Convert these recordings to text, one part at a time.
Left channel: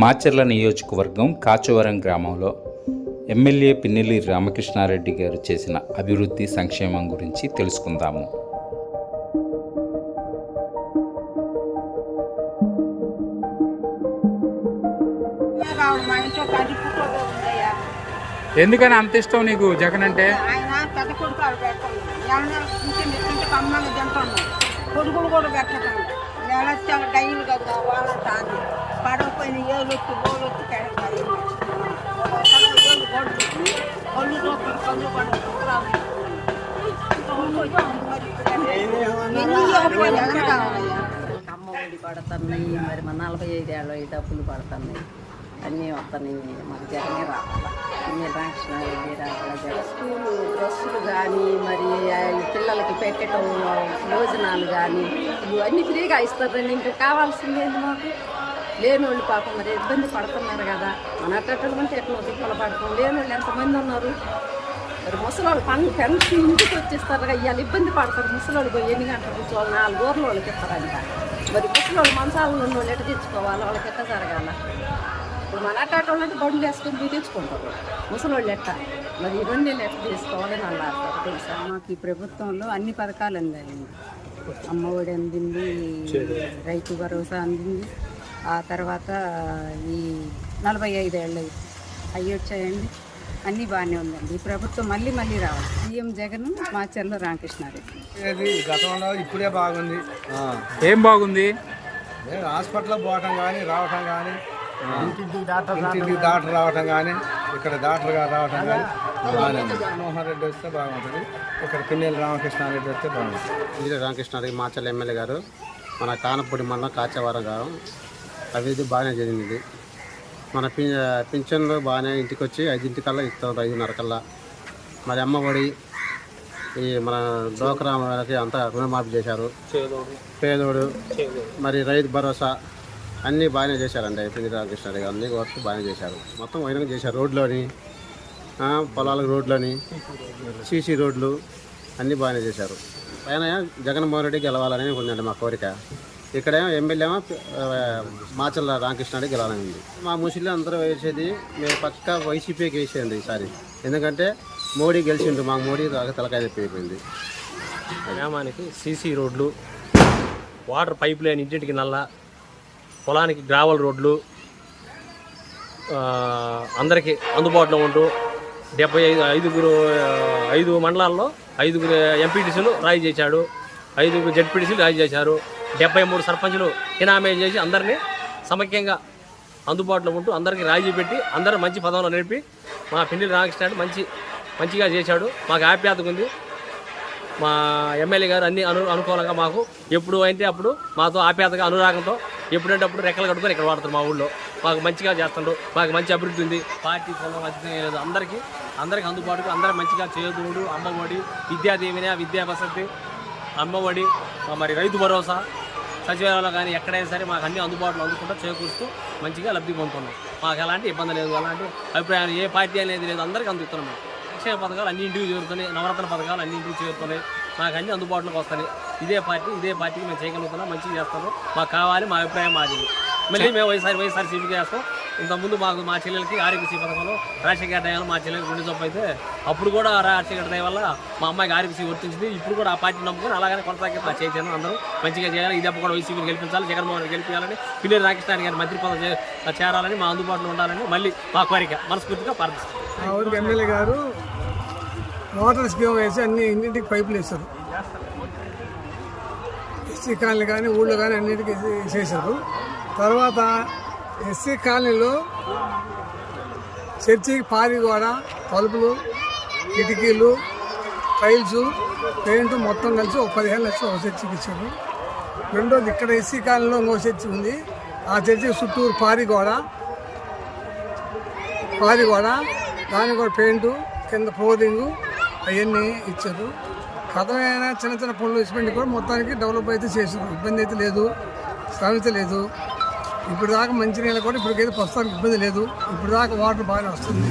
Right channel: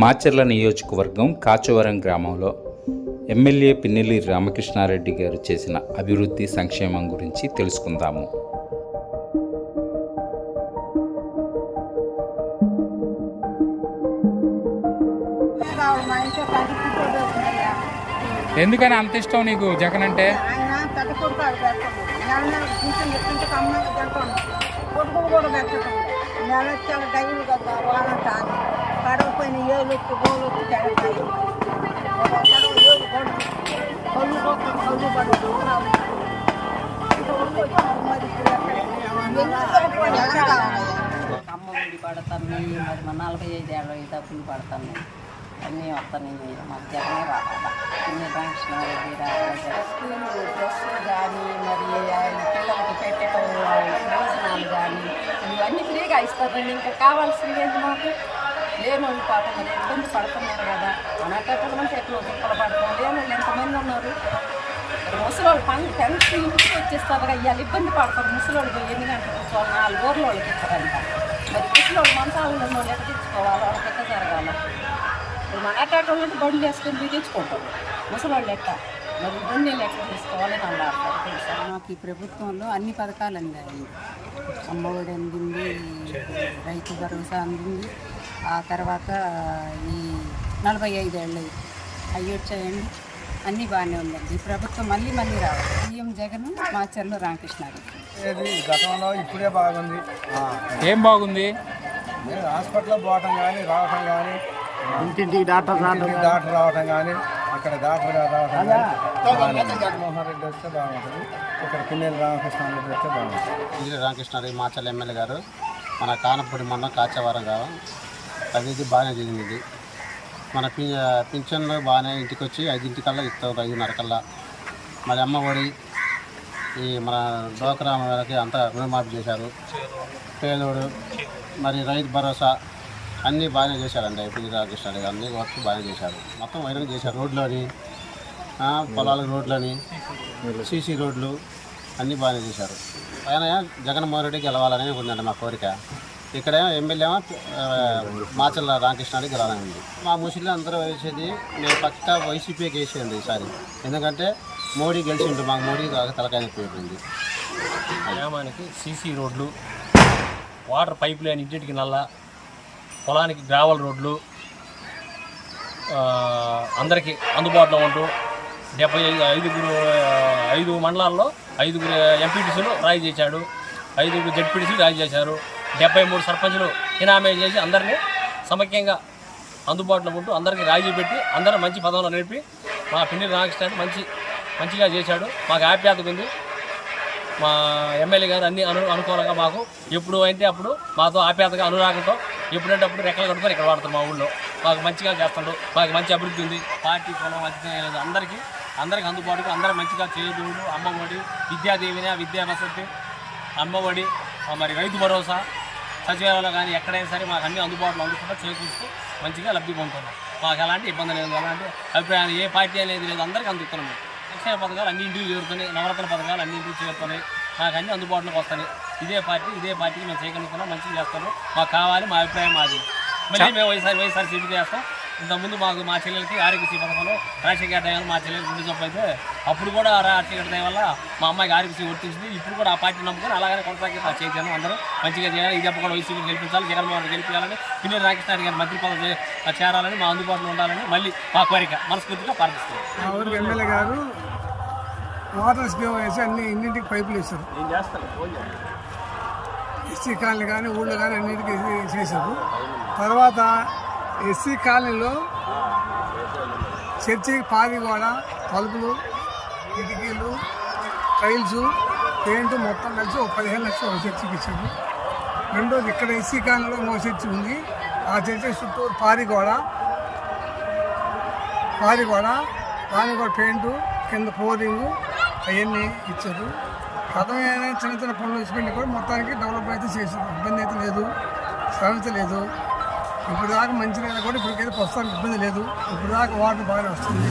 మాచర్ల నియోజకవర్గం కాచవరం గ్రామంలో ఎమ్మెల్యే పిన్నెల్లి రామకృష్ణారెడ్డి గారు చేసిన అభివృద్ధి సంక్షేమం గురించి తెలుసుకుందాము. ఎందుకని అంత ఇష్టం నీకు జగన్ అంటే? ఆయన పెద్ద కొడుకు ఆవిడ పెట్టుకున్నాడు నెల నెల పింఛన్ ఎత్తుంటే కమ్మంగా తింటున్నాడు కొడుకులు కూడా పెట్టడం నెల డైలు కదా వాళ్ళంతా అని పడకపోయిన ఏళ్ళు వచ్చి గోలు వచ్చి తెడతాయి మరి. ఆ, ఒక తడవ ఏళ్ళు గొడ్డు కళ్ళు పడవు ఇంతవరకు వచ్చింది మరి ఇప్పుడు ఎట్లా? ఎన్ని ఇవ్వకపోయినా ఎవరు కావాలయ్యా? అమ్మ ఒడి పడుతున్నాయి మరి మా నలభై ఐదేళ్ళు ఈ డబ్బులు పడుతున్నాయి. అన్నీ వస్తున్నాయి మాకు జగనే రావాలా? ఇన్ని రామకృష్ణారెడ్డి రావాలా స్కూలు డ్రెస్సులు కానీ మరి పిల్లలకి పెట్టడం భోజనాలు కానీ ఇవి అన్నీ ఫ్రీగా ఇస్తారండి. ఇంకా కావాల్సింది ఏంటి మాకు? లేని వాళ్ళు పాపం మరి ఇబ్బంది పడుతున్నారు కదా. మన అట్టలు ఎట్లా ఎక్కడో పడతాం? లేని వాళ్ళు ఎంతమంది ఉన్నారు? మరి ముసలోళ్ళు పని పెన్షన్ ఇంటికి వచ్చేస్తారు కదా ఇవాళ ఇబ్బంది పడతారు ముసలోళ్ళు పోయి ఎన్ని గంటలు కూర్చోవాలి? నాలుగు ఊర్ల వాళ్ళకి ఇస్తారంట. మరి ముసలోళ్ళు మంచాలలో ఉన్న వాళ్ళు ఎట్ట తెచ్చుకోవాలి? వాళ్ళకి ఎట్ట జరగాల? ఇప్పుడు మన అట్టాటోళ్ళు బండ్లు వేసుకొని మీరు తెచ్చుకుంటారు. ముసలోళ్ళు ఎట్ట? మరి ఇవన్నీ ఎట్ట తీసుకోవాలని అన్నారు తెలుసా? మాకు ఈ ప్రభుత్వంలో అన్ని పథకాలు అందాయండి. అమ్మఒడి అందింది రైతు భరోసా అందింది. ఆ తర్వాత ఈ నలభై ఐదేళ్ళు అవి వచ్చాయండి. అన్నీ బాగానే ఉందండి. ఈ ప్రభుత్వం మళ్ళీ మళ్ళీ రావాలి. సీఎం జగన్ మాచర్ల రామకృష్ణారెడ్డి. ఇది గతంలో ఇప్పుడే బాగుంది. ఏం బాగుంది? నేను హాస్పిటల్ పోవటం కానీ రావటం కానీ ఇంటింటికి డాక్టర్ ఇంటింటికి డాక్టర్ రావటం కానీ ఇక్కడ డాక్టర్ గారు రావటం కానీ బాగానే ఉంది. జగన్మోహన్ రెడ్డి వస్తే బాగుంటుంది. ఇక్కడ పిన్నెల్లి రామకృష్ణారెడ్డి వస్తే బాగుంటుంది ఇందిరా రామకృష్ణారెడ్డి మాచల్ ఎమ్మెల్యే గారు మన కానపూడి మండలం కాచవరం గారు అభివృద్ధి బాగానే జరిగింది. మన పి పింఛన్లు బాగానే ఇంటికి వచ్చి ఐదింటికల్లా ఇస్తారు ఐదున్నర కల్లా మరి అమ్మ ఒడి ఈ మన డోక్రా వాళ్ళకి అంతా రుణమాఫీ చేశారు. పేదోడు మరి రైతు భరోసా అన్నీ బాగానే చేశారండి పిల్లి రామకృష్ణారెడ్డి గారు. అన్నీ వర్క్ బాగానే చేశారు. మొత్తం వైరంగా చేశారు. రోడ్లోని పొలాలకు రోడ్లని సీసీ రోడ్లు అన్నీ బాగానే చేశారు. పైన జగన్మోహన్ రెడ్డి గెలవాలని ఉందండి మా కోరిక. ఇక్కడ ఎమ్మెల్యే మాచల్ల రామకృష్ణారెడ్డి గెలవాలని ఉంది. మా ముస్లిం అందరూ వేసేది మేము పక్క వైసీపీకి వేసేయండి ఈసారి ఎందుకంటే మోడీ గెలిచిండు మాకు మోడీ దాకా తలకాయ నొప్పి అయిపోయింది. గ్రామానికి సీసీ రోడ్లు వాటర్ పైప్ లైన్ ఇంటింటికి నల్ల పొలానికి గ్రావల్ రోడ్లు అందరికీ అందుబాటులో ఉంటూ డెబ్బై ఐదు ఐదుగురు ఐదు మండలాల్లో ఐదుగురు ఎంపీటీసీలు రాయి చేశాడు ఐదుగురు జడ్పీటీసీలు రాయి చేశారు. డెబ్బై మూడు సర్పంచులు ఇనామే చేసి అందరినీ సమైక్యంగా అందుబాటులో ఉంటూ అందరికీ రాజీ పెట్టి అందరూ మంచి పదంలో నడిపి మా పిండి రామకృష్ణ మంచి మంచిగా చేశాడు. మాకు ఆప్యాతకు ఉంది. మా ఎమ్మెల్యే గారు అన్ని అను అనుకూలంగా మాకు ఎప్పుడు అయితే అప్పుడు మాతో ఆప్యాతగా అనురాగంతో ఎప్పుడంటే అప్పుడు రెక్కలు కట్టుకొని ఇక్కడ వాడతారు మా ఊళ్ళో. మాకు మంచిగా చేస్తుండ్రు. మాకు మంచి అభివృద్ధి ఉంది. పార్టీ కులం అధికం లేదు. అందరికీ అందరికీ అందుబాటుకు అందరూ మంచిగా చేదోడు అమ్మఒడి విద్యాదేవిని విద్యా వసతి అమ్మఒడి మరి రైతు భరోసా సచివాలయంలో కానీ ఎక్కడైనా సరే మాకు అన్ని అందుబాటులో అందుకుంటూ చేకూరుస్తూ మంచిగా లబ్ధి పొందుతున్నాం. మాకు ఎలాంటి ఇబ్బంది లేదు ఎలాంటి అభిప్రాయాలు ఏ పార్టీ అనేది లేదు అందరికీ అందుతున్నాం మేము. సంక్షేమ పథకాలు అన్ని ఇంటికి చేరుతున్నాయి నవరత్న పథకాలు అన్ని ఇంటికి చేరుతున్నాయి మాకు అన్ని అందుబాటులోకి వస్తాయి. ఇదే పార్టీ ఇదే పార్టీకి మేము చేయగలుగుతున్నాం మంచిగా చేస్తున్నాం. మాకు కావాలి మా అభిప్రాయం మాది. మళ్ళీ మేము వైఎస్ఆర్ వైఎస్ఆర్ సీటు చేస్తాం. ఇంతకుముందు మాకు మా చెల్లెలకి ఆరోగ్యశ్రీ పథకంలో రాజశేఖర దయ మా చెల్లెలకి గుండె జబ్బు అయితే అప్పుడు కూడా రాజశేఖర దయ వల్ల మా అమ్మాయికి ఆరోగ్యశ్రీ వర్తించింది. ఇప్పుడు కూడా ఆ పార్టీ నమ్ముకొని అలాగే కొనసాగి మా చైతన్యం అందరూ మంచిగా చేయాలి. ఇది కూడా వైసీపీని గెలిపించాలి జగన్మోహన్ రెడ్డి గెలిపించాలని పిల్లలు రామకృష్ణ గారి మంత్రి పదవి చేరాలని మా అందుబాటులో ఉండాలని మళ్ళీ మా కోరిక మనస్ఫూర్తిగా ప్రార్థిస్తున్నాం. మా ఊరికి ఎమ్మెల్యే గారు వాటర్ స్కీమ్ వేసి అన్ని ఇంటింటికి పైపులు వేశారు. ఎస్సీ కాలనీ కానీ ఊళ్ళో కానీ అన్నిటికీ చేశారు తర్వాత ఎస్సీ కాలనీలో చర్చికి పారి గోడ తలుపులు కిటికీలు టైల్స్ పెయింట్ మొత్తం కలిసి ఒక పదిహేను లక్షలు ఒక చర్చికి ఇచ్చారు. రెండోది ఇక్కడ ఎస్సీ కాలనీలో ఇంకో చర్చి ఉంది. ఆ చర్చికి చుట్టూరు పారి గోడ పారి గోడ దానికి కూడా పెయింటు కింద ఫ్లోరింగు అవన్నీ ఇచ్చారు. కథమైన చిన్న చిన్న పనులు ఇచ్చిపెట్టి కూడా మొత్తానికి డెవలప్ అయితే చేశారు. ఇబ్బంది అయితే లేదు సమస్య లేదు ఇప్పుడు దాకా మంచినీళ్ళు కూడా ఇప్పటికైతే ప్రస్తుతానికి ఇబ్బంది లేదు. ఇప్పుడు దాకా వాటర్ బాగానే వస్తుంది.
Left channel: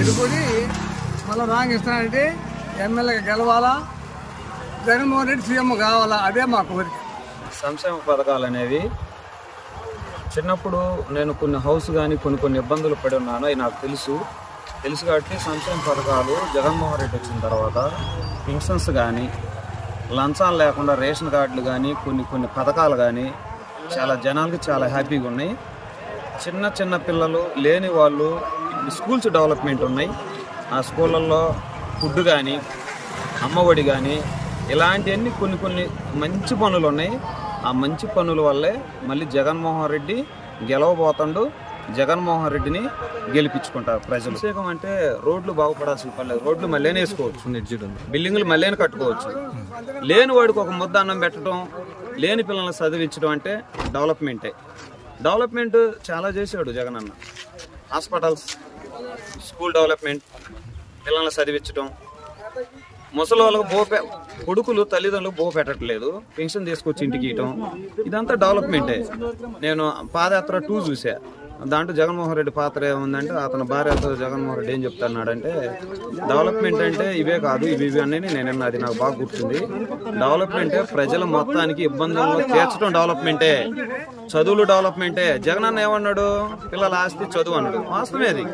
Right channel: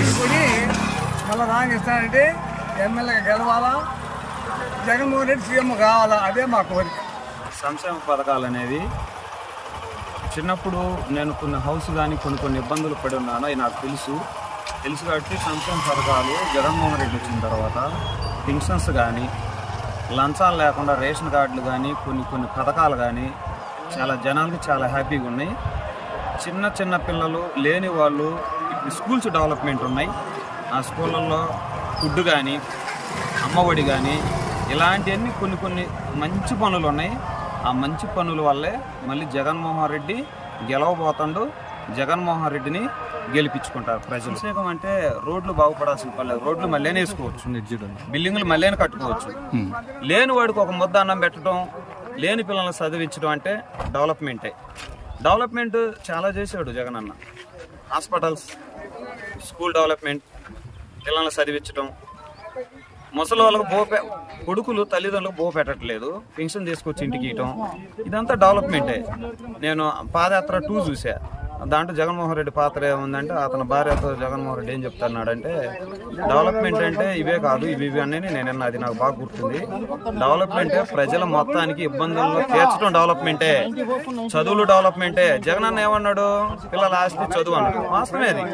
ఇది మళ్ళీ మళ్ళీ ఇస్తానంటే ఎమ్మెల్యేగా గెలవాలా? జగన్మోహన్ రెడ్డి సీఎం కావాలా? అదే మా కోరిక. సంక్షేమ పథకాలు అనేవి చిన్నప్పుడు నేను కొన్ని హౌస్ కానీ కొన్ని కొన్ని ఇబ్బందులు పడి ఉన్నాను. అవి నాకు తెలుసు. తెలుసు కాబట్టి సంక్షేమ పథకాలు జగన్మోహన్ రెడ్డి వచ్చిన తర్వాత పెన్షన్స్ కానీ లంచాలు లేకుండా రేషన్ కార్డులు కానీ కొన్ని కొన్ని పథకాలు కానీ చాలా జనాలకి చాలా హ్యాపీగా ఉన్నాయి. చిన్న చిన్న పిల్లలు లేని వాళ్ళు స్కూల్స్ డెవలప్మెంట్ ఉన్నాయి. ఆ స్కూళ్ళల్లో ఫుడ్ కానీ అమ్మఒడి కానీ ఇలాంటివన్నీ కొన్ని కొన్ని మంచి పనులు ఉన్నాయి. ఆ మంచి పనుల వల్లే మళ్ళీ జగన్మోహన్ రెడ్డి గెలవబోతాడు. జగన్మోహన్ రెడ్డిని గెలిపించుకుంటారు ప్రజలు. ప్రత్యేకం అంటే రోడ్లు బాగుపడాల్సిన పని లేదు. రోడ్లు మళ్ళీ వేసుకోవచ్చు. బిల్డింగ్లు మళ్ళీ కట్టుకోవచ్చు. లేని వాడికి ఒక ముద్ద అన్నం పెట్టడం లేని పిల్లల్ని చదివించడం అంటే డెవలప్మెంటే. డెవలప్మెంట్ చాలా చేశాడు జగన్ అన్న హాస్పిటల్స్ స్కూల్ డెవలప్మెంట్ పిల్లల్ని చదివించడం. ముసలి వాళ్ళకు బో కొడుకులు తల్లిదండ్రులకు బో పెట్టట్లేదు. పెన్షన్ తీసుకొచ్చి ఇంటికి ఇవ్వటం. ఇదంతా డెవలప్మెంటే. నేను పాదయాత్ర టూ చూసా. దాంట్లో జగన్మోహన్ రెడ్డి పాత్ర ఏముందంటే అతని భార్యతో జగన్మోహన్ రెడ్డి ఏం చెప్తున్నాడంటే డెవలప్మెంట్ అంటే ఇవే కాదు ఇవి ఇవి అని నేను అది నాకు బాగా గుర్తుంది. డెవలప్మెంటే ప్రజల మొత్తానికి ఇబ్బందుల్లో తీర్చడం డెవలప్మెంటే చదువులు డెవలప్మెంటే జగన్ అన్న ఏమన్నాడు? పిల్లల ఆస్తి చదువు అన్నాడు. వాస్తవమే అది.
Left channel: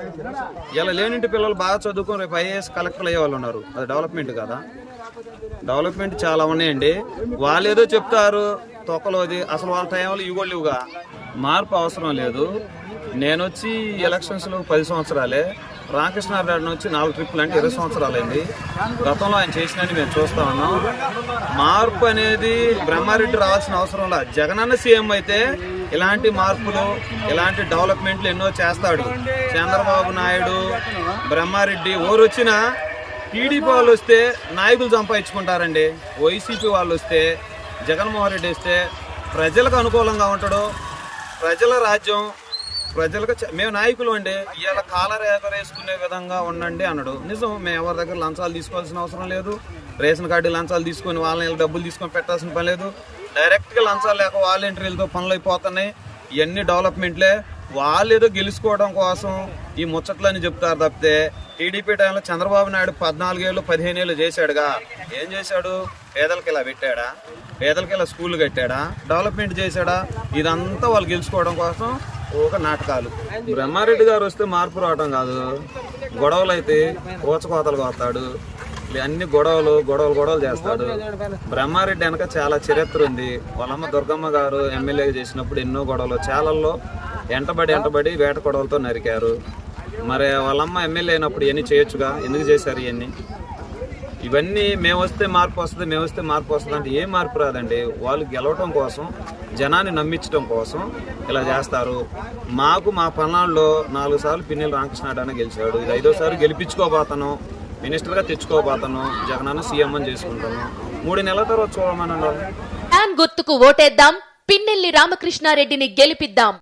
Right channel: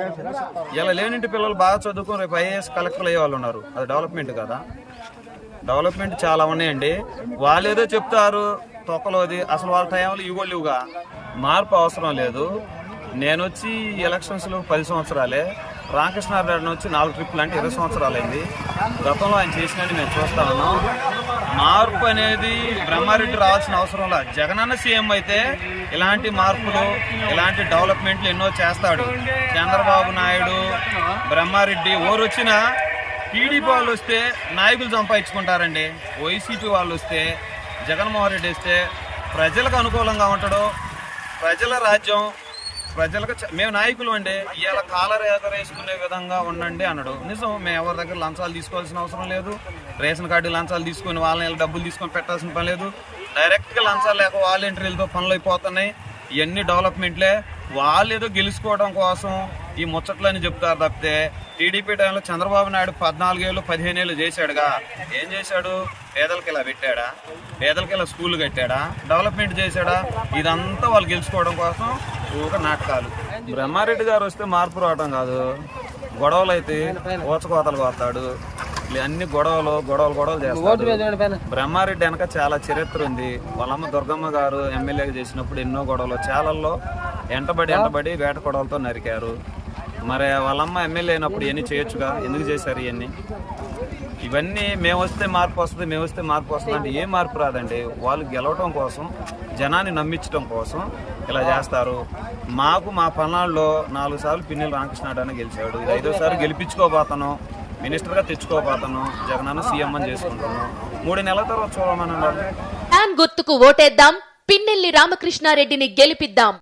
ఇలా లేనింటి పిల్లలు బాగా చదువుకుని రేపు ఐఏఎస్ కలెక్టర్లు అయ్యే వాళ్ళు ఉన్నారు. అది డెవలప్మెంట్ కదా. డెవలప్మెంట్ చాలా ఉన్నాయండి. వాళ్ళు ఏదో చెప్తారు తొక్కలోది. అసలు వాళ్ళ టైంలో ఇవ్వలేవుగా. మార్పు అవసరం లేదు. నేను వచ్చి ఎలక్షన్స్లో పది సంవత్సరాలే. రామకృష్ణారెడ్డి వచ్చి నాలుగు ట్రిప్పులు అంటే ఇరవై సంవత్సరాలైంది. గతంలో ఆయన చేసినట్టు మేము చూస్తా ఉన్నాం. మార్పు అనేది బ్రహ్మారెడ్డి రావాల్సిన అవసరం లేదు జగనన్న సీఎం అయితే ఇలాంటి మార్పులు ఇలాంటి డెవలప్మెంట్లు ఎన్నో చేస్తాడు. చంద్రబాబు నాయుడు బ్రహ్మారెడ్డి ఓరు వచ్చినా టీడీపీ వాళ్ళు వస్తే నాయకులు సంపాదించుకుంటారండి. వైసీపీ వాళ్ళు వస్తే జగన్మోహన్ రెడ్డి వస్తే ప్రజలకు అనుకూలంగా ఉంటాడు. ప్రజల రాజ్యం ప్రజలకు మేము నాయకులు అండి. ఇవాళ కాలర్ ఎగరేసుకునే విధంగా ఉండండి అన్నాడు. నిజం మేము ఎవరి దగ్గర లంచాలు తీసుకోవాల్సిన అవసరం లేదు. రేషన్ కార్డు లంచాలు తీసుకొని వాళ్ళని డబ్బులు తీసుకొని పెట్టాల్సిన పని లేదు. డైరెక్ట్గా లంచాలు లేక వాలంటీర్లతో పనులు అయిపోతున్నాయి. ఇవన్నీ డెవలప్మెంట్లే. వాళ్ళు ఏదో గెలుచుకోవడం కోసం ఈ ముచ్చట్లని చెప్తారు తప్పితే టీడీపీ టైంలో చంద్రబాబు నాయుడు పద్నాలుగేళ్ళు పదిహేనేళ్ళు చేశాడుగా. ఏం చేశాడు? పేదలకి ఇలా పెట్టాడా? పేదలకి ఇలా స్కూల్ కట్టాడా? డెవలప్మెంట్ చేశాడా? ఇదంతా వాళ్ళు గెలుచుకోవడం కోసం ఒక నాటకాలు. బ్రహ్మారెడ్డి గారు వస్తే మార్పు రావడం కాదు. గొడవలు అయితే ఊచకోతలు కోస్తాడు. అన్ని గొడవలు గొడవలు గొడవలు చేస్తాడు. బ్రహ్మారెడ్డి వెనక చాలా చరిత్ర ఉంది. వాళ్ళమ్మ దుర్గమ్మ గారు ఎమ్మెల్యే చేసినప్పుడు ఎన్నో గొడవలు. చాలల్లో ఎంటబడి ఎంటబడి వేట గొడవలతో నరికారు. మరి వాళ్ళమ్మ ఎమ్మెల్యే అయినప్పుడు ఇవన్నీ చేయొచ్చుగా? ఎందుకు చేశారు ఇవన్నీ? ఇవన్నీ మేము వస్తే మార్పు వస్తుంది మేము వస్తే మార్పు వస్తుంది అంటే ఏ మార్పు రాదండి? వాళ్ళు గెలవటం కోసం జనాన్ని నమ్మించడం కోసం ఇలా చేస్తారు. మాకు మా పల్నాడులో నాలుగు సార్లు పిన్నెల రామకృష్ణాడని గెలిచాడు. ఇది ఐదోసారి గెలిపించుకోబోతాను. మినిస్టర్గా తెచ్చుకోబోతాను. జగనన్న సీఎం అని చేసుకుంటాను. మూడు నెలల తర్వాత చూడమని వాళ్ళు. గుర్తుకు ఓటేద్దాం. పిన్నెల్లి రామకృష్ణారెడ్డిని గెలిపిద్దాం.